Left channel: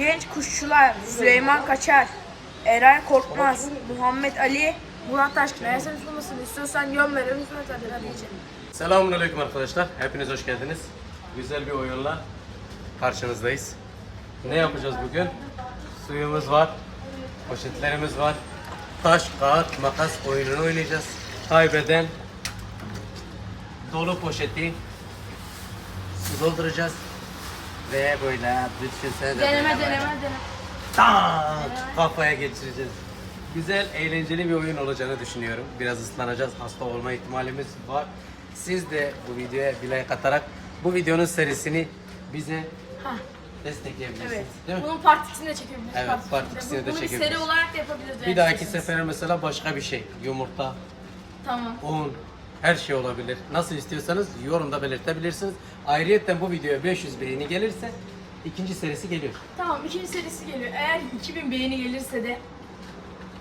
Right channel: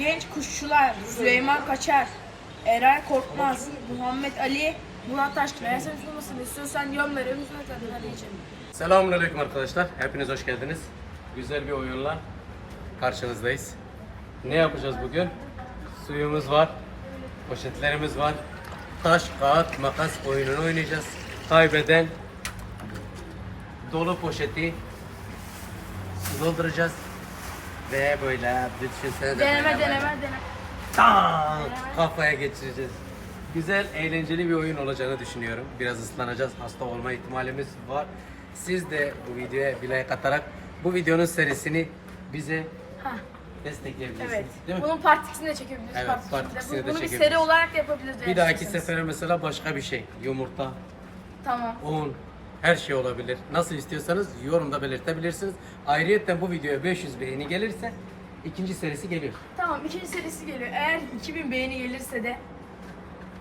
Genç Kuşçular, Süleyman Kaçar, Eray Korkmaz, Muhammed Ali, Murat Taşkın. Eğer sen tutmasını istiyorsan yön verelim. Hizmet hadi içelim. Selamünaleyküm arkadaşlar. Hepiniz hoş geldiniz. Güzel bir oyunla karşınızdayız. Ne yapacağız bugün? Suyumuz var, poşetlerimiz var. Taş, kağıt, makas oyununu oynayacağız. Kaybeden dolu poşeti dolduracağız. Ve böyle düşünsene de Deneme böyle deneme deneme. tak kafaya geçireceğiz. Güzel, eğlenceli bir oyun olacağını düşünüyorum. Biraz ıslanacağız, hasta olma ihtimalimiz var. Siz de bu videoya bir like atarak bu videonun serisini bize Hah, destekleyebilirsiniz. evet. Değil mi? Bunun part 2'sini de çekebiliriz. Evet, part ikisini de Bunu bir çekebiliriz. seri olarak da yapabiliriz. Bir dahaki istiyorsanız. sefere mesela başka bir şey. Yumurta, Tamam. un, her şey olabilir. Nasıl istiyorsanız yorumda belirtebilirsiniz. Ayrıca bu videoya 500 beğeni gelirse ikinci serisi geliyor. Tamam ikinci serisi geliyor. Eğer 2000 beğeni gelirse de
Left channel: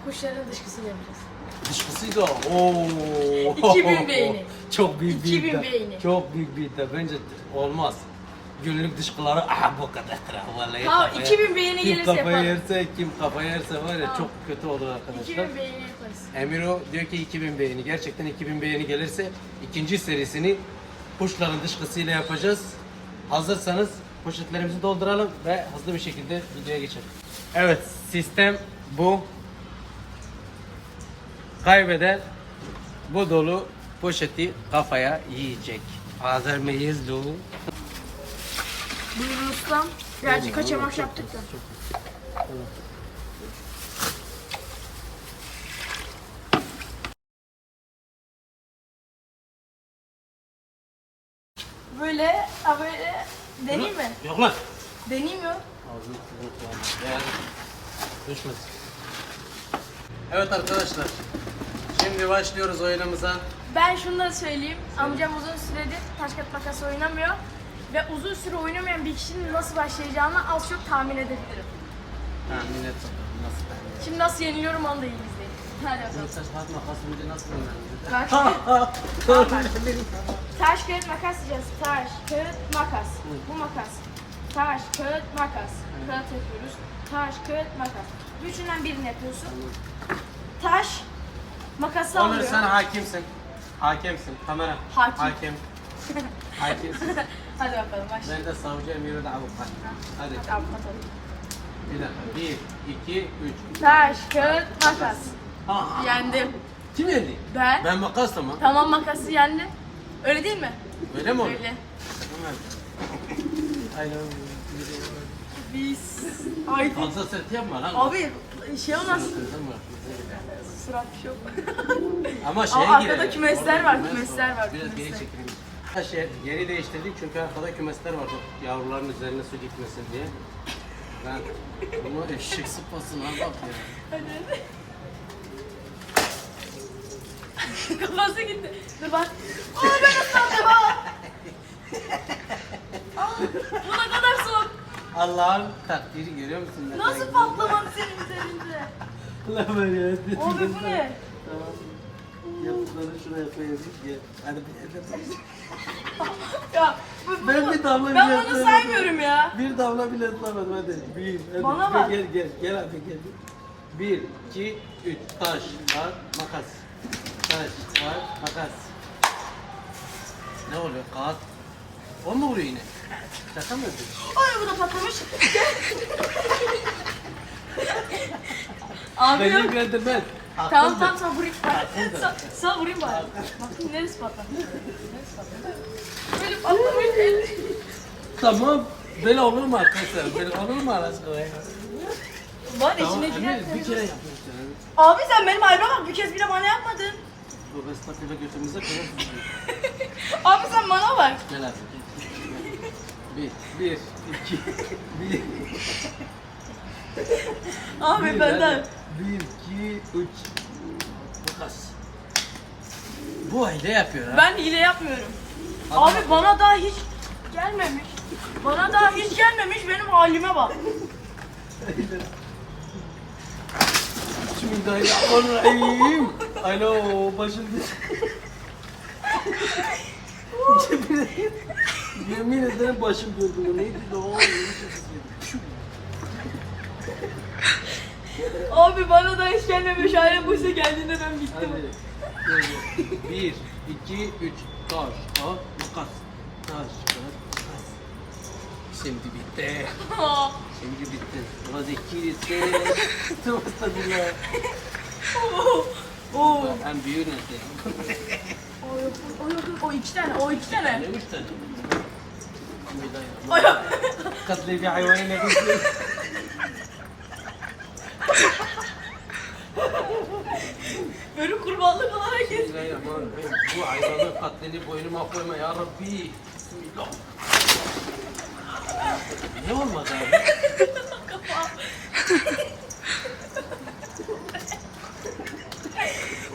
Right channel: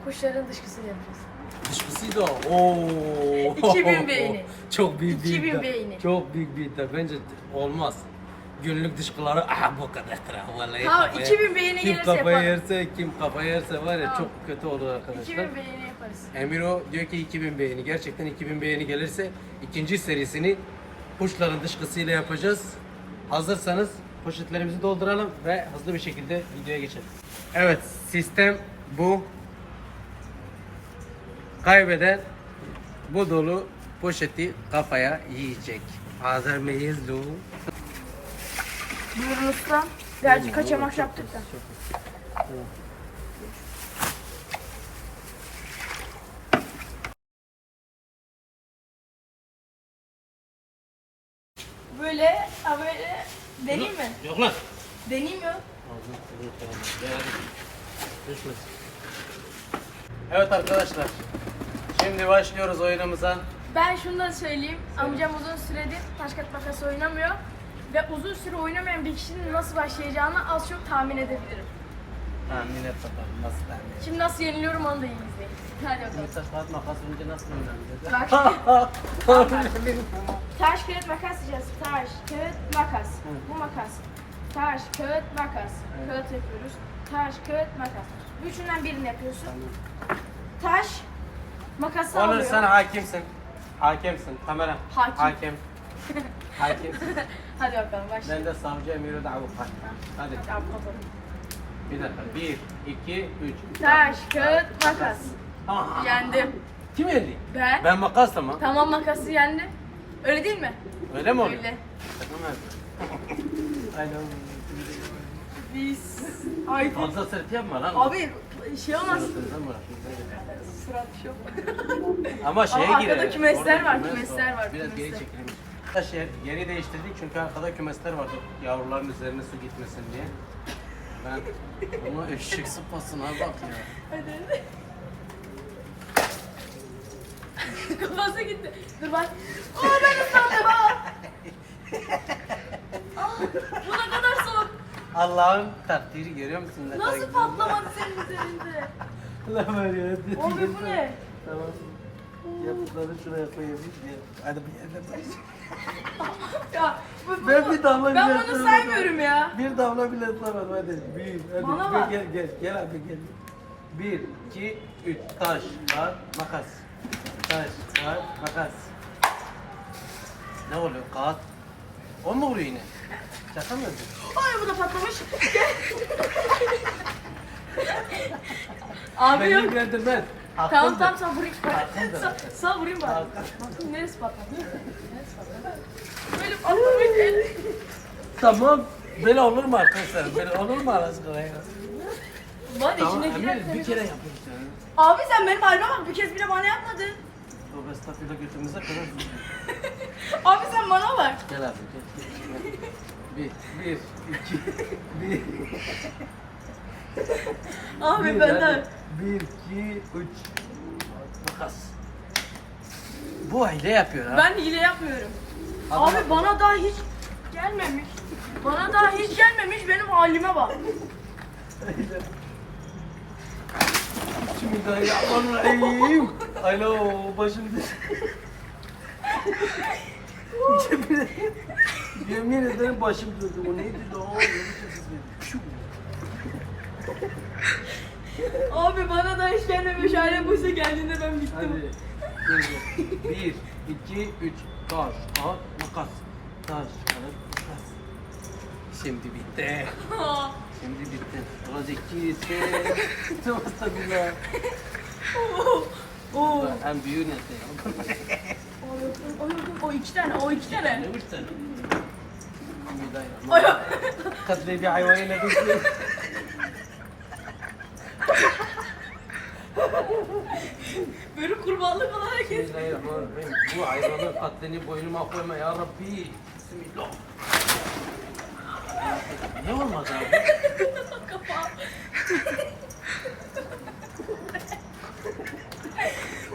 kuşların dışkısını yapacağız. Dışkısıydı o. Oo. 2000 beğeni. Çok büyük bir 2000 iddia. beğeni. Çok büyük bir iddia. Bence olmaz. Günlük dışkıları aha bu kadar vallahi. Tamam, kafaya- 2000 beğeni kim gelirse yaparım. yerse kim kafayı yerse var ya Tamam. çok kötü olur arkadaşlar. 2000 beğeni yaparız. Emiro diyor ki 2000 beğeni. Gerçekten 2000 beğeni gelirse ikinci serisini kuşların dışkısıyla yapacağız. Hazırsanız poşetlerimizi dolduralım ve hızlı bir şekilde videoya geçelim. Evet sistem bu. Kaybeden bu dolu poşeti kafaya yiyecek. Hazır mıyız Lu? Ustam. Birazcık kaçamak yaptık da. Böyle, ha böyle deneyeyim mi? Yok lan. Deneyeyim mi? Ağzını. Evet arkadaşlar. Şimdi başlıyoruz oyunumuza. Ben şunu da söyleyeyim. Amcam uzun süredir taş kağıt makas oynamıyor. Ve uzun süre oynamayan bir kişinin nasıl başlayacağını az çok tahmin edebilirim. Tahmin et bakalım nasıl tahmin et. Şimdi nasıl yeniliyorum onu da iyi izleyin. Hadi bakalım. Şimdi taş kağıt makas önce nasıl oynanıyor? Taş, kağıt makas diyeceğiz. Taş, kağıt, makas. Bu makas. Taş, kağıt, makas. Kağıt yapıyoruz. Taş, kağıt, makas. Üçünden birini yapıyorsun. Taş, makası Olur alıyor. sen hakimsin. Hakimsin. Kamera. Hakim. Hakim. Hakimsin. Hadi bakalım başla. Ben de savcı Emir'i de avukat. Hadi. Hadi avukat ol. Bir dakika. Bir, iki, üç. Taş, kağıt, makas. Aa, Yendim. Kim yendi? Ben. Ben makasla mı? Tamam makası yendi. Öyle değil mi? Öyle mi oldu? Öyle. Aynen. Biz. Ay. Fazla sert yapma lan. Abi şey olmaz. Surat bir şey yok. Ama şeye Ama girer. arkada kümesler var, kümes kümesler var, Biraz geri kümesler. çekelim. Arkadaşlar yeri değiştirdik çünkü arkada kümesler vardı. Yavruların üzerine su gitmesin diye. Ben ama eşek sıpasına bak ya. Hadi. Kafası gitti. Dur bak. Aa ben ıslandım ha. Aa, bu ne kadar soğuk. Allah'ın takdiri görüyor musun? Ne Nasıl güzel? patlamadı senin üzerinde? Ulan var ya. Abi bu ne? Tamam. Yaptıklarını şuraya. Gel. Hadi bir yerde. Ya bu, bu, Ben bir damla Ben bile bunu ısırmadım. saymıyorum ya. Bir damla bile ıslamadım hadi. Büyük. Hadi. Bana bak. Gel gel gel abi gel. Bir, iki, üç. Taş, kağıt, makas. Taş, kağıt, makas. Ne oluyor? Kağıt. O mu vuruyor yine? Şaka mı yapıyorsun? Ay bu da patlamış. Abi Beni yok. ilgilendirmez. Tamam tamam sen vurayım. Hakkındır. Sen, sen vurayım bari. Bakın neresi patladı? Neresi patladı? Böyle patlamış. Tamam. Böyle olur mu arkadaşlar? Böyle olur mu Allah aşkına ya? Var Tamam, içine girer. Emir, bir kere yani. Abi sen benim halime bak bir kez bile bana yapmadın. O estağfurullah götümüze kadar Abi sen bana bak. Gel abi gel. Bir, bir, iki, bir. Abi bir, benden. hadi. Bir, iki, üç. Makas. Bu aile yapıyor ha. Ben hile yapmıyorum. Abi bak. bana daha hiç gelmemiş. Bana daha hiç gelmemiş benim halime bak. Bismillahirrahmanirrahim. Alo başım düş. Yemin ederim başım döndü. Bu neydi lan? Abi bana da hiç gelmemiş. Aynen Buse geldiğinde ben bittim. Hadi. Dur. Bir, iki, üç. Taş, kağıt, makas. Taş, kağıt, makas. Şimdi bitti. Şimdi bitti. Ulan zeki bitti. Tamam tabiler. Oo. En büyüğü nerede? O yok, o yok, o iki tane, o iki tane. Ne üç tane? Bismillahirrahmanirrahim. Katli bir hayvanı ne Böyle kurbanlık olarak kes. Bismillahirrahmanirrahim. Bu hayvanın katlini boynuma koyma ya Rabbi. Bismillah. Ne olmadı abi?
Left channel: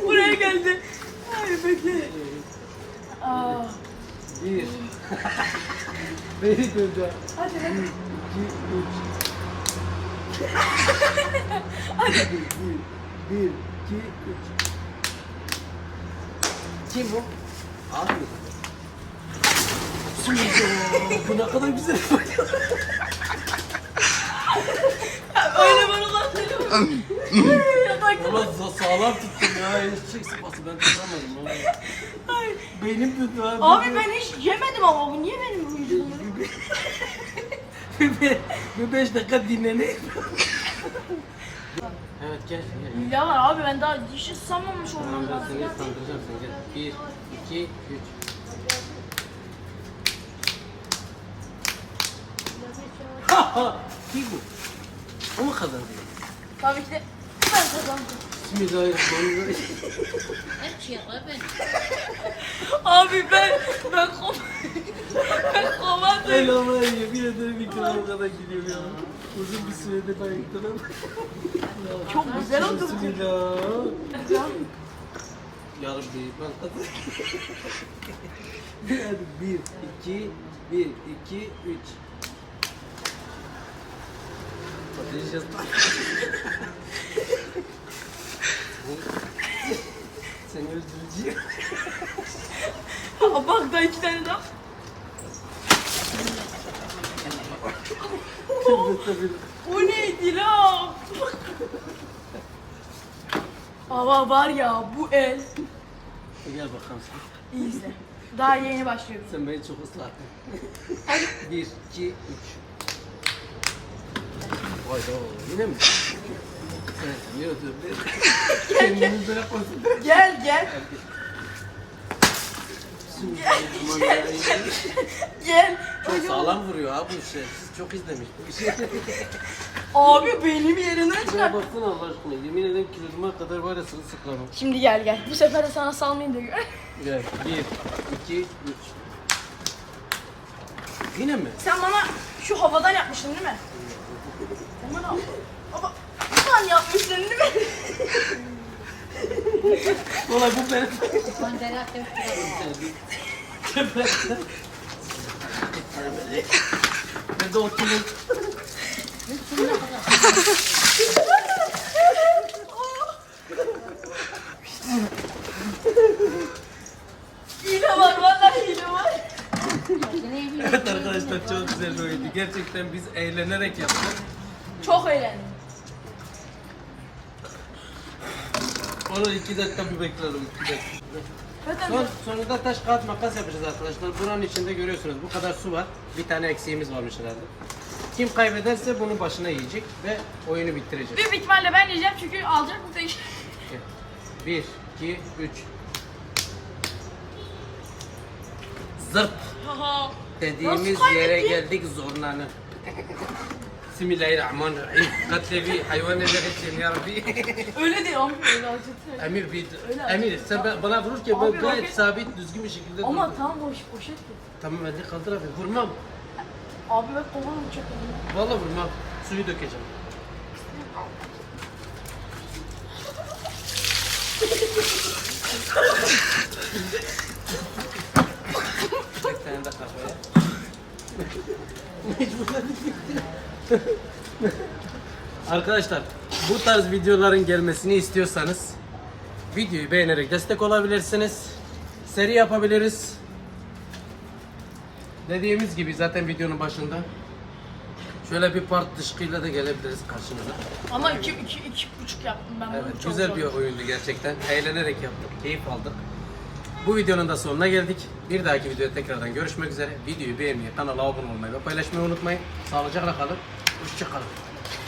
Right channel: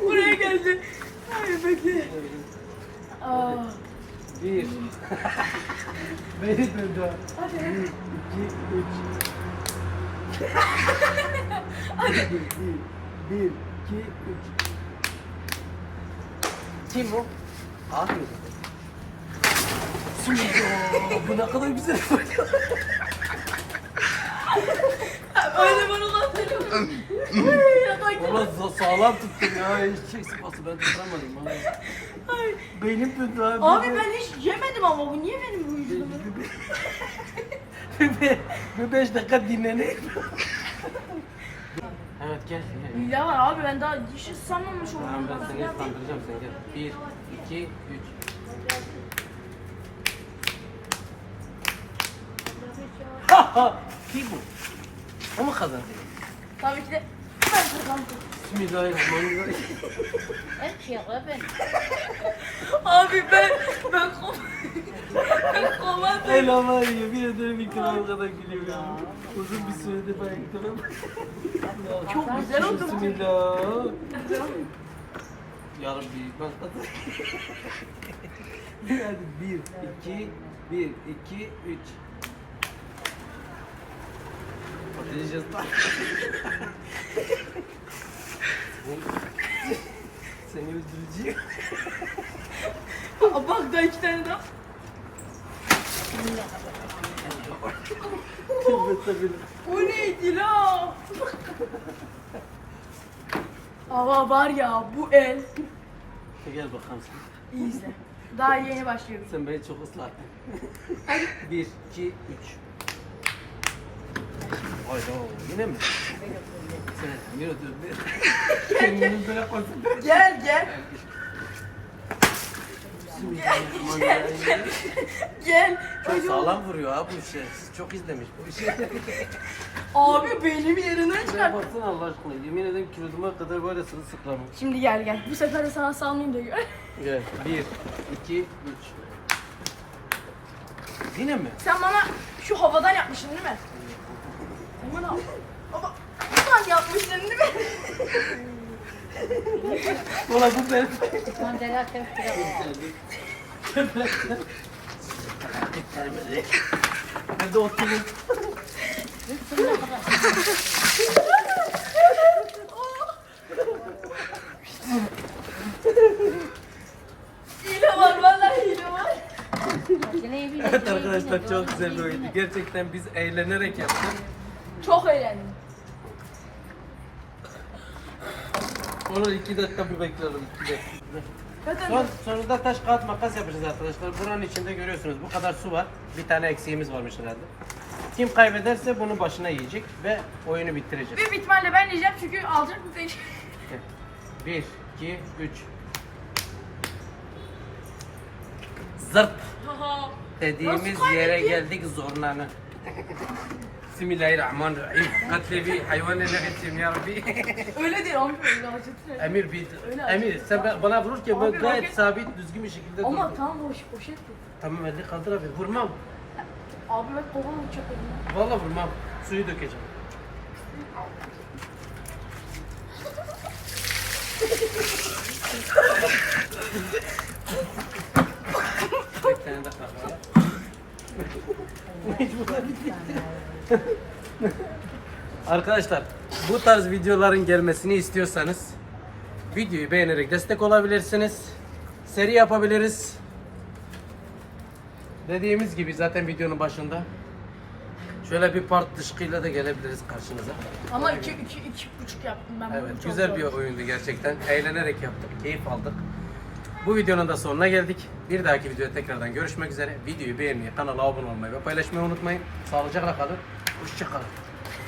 Buraya geldi. Ay bekle. Aa. Bir. Beni döndü. Hadi. Bir, iki, üç. bir, bir, bir, iki, üç. Kim o? Abi. Bu ne kadar güzel. Öyle bana lan Ya bak. Ulan sa- sağlam tuttum ya. Hiç şey sıpası ben tutamadım. abi. Ay. Beynim döndü abi. Abi ben hiç yemedim ama bu niye benim vücudumda? bir, bir beş dakika dinleneyim. Evet gel gel. Ya var abi ben daha hiç sanmamış Tamam oldum. ben seni kandıracağım sen gel. Bir, iki, üç. Ha ha! Kim bu? O mu kazandı? Tabii ki de ben kazandım. Bismillahirrahmanirrahim. Ben. Abi ben ben kom ben komadım. El Allah yemin ederim ikram kadar gidiyor ya. Uzun bir sürede bayıldım. Çok güzel oldu. Bismillah. Ya Rabbi ben. Hadi bir, iki, bir, iki, üç. Bakacağız. Seni öldüreceğim. Aa, bak da iki tane daha. O neydi la? Ama var ya bu el. Gel bakalım sen. İyi izle. Daha yeni başlıyoruz. Sen beni çok ıslattın. Bir, iki, üç. Hayda yine mi? Böyle konsantre. Gel gel Bismillahirrahmanirrahim. gel. Çok sağlam vuruyor ha bu işe. Çok izlemiş bu işi. Abi benim yerinden Şuraya çıkart. baksana Allah aşkına. Yemin ederim kiloduma kadar var ya sırılsıklamım. Şimdi gel gel. Bu sefer de sana salmayayım da gör. Gel. Bir, iki, üç. Yine mi? Sen bana şu havadan yapmıştın değil mi? Sen bana Baba, sen yapmıştın değil mi? Olay bu ben. Ben de oturdum. Hile var vallahi hile var. Evet arkadaşlar çok güzel oyundu. Gerçekten biz eğlenerek yaptık. Çok eğlendim. Onu iki dakika bir bekleyelim. iki dakika. Son, sonunda taş kağıt makas yapacağız arkadaşlar. Buranın içinde görüyorsunuz bu kadar su var. Bir tane eksiğimiz varmış herhalde. Kim kaybederse bunu başına yiyecek ve oyunu bitirecek. büyük ihtimalle ben yiyeceğim çünkü alacak mı değil. Bir, iki, üç. Zırt dediğimiz yere geldik zorlanı. Bismillahirrahmanirrahim. Katli bir hayvan ele geçeyim ya Rabbi. Öyle değil ama böyle alacak. Emir bir Öyle Emir sen ben- bana vururken Abi ben gayet roket- sabit düzgün bir şekilde Ama durdum. tam boş poşet. Tamam elini kaldır abi vurmam. Abi ben kovan uçak elim. Vallahi vurmam. Suyu dökeceğim. Arkadaşlar bu tarz videoların gelmesini istiyorsanız videoyu beğenerek destek olabilirsiniz. Seri yapabiliriz. Dediğimiz gibi zaten videonun başında Şöyle bir part dışkıyla da gelebiliriz karşınıza. Ama iki, iki, iki buçuk yaptım ben. bunu. Evet, Çok güzel zor. bir oyundu gerçekten. Eğlenerek yaptık, keyif aldık. Bu videonun da sonuna geldik. Bir dahaki videoda tekrardan görüşmek üzere. Videoyu beğenmeyi, kanala abone olmayı ve paylaşmayı unutmayın. Sağlıcakla kalın. Hoşçakalın.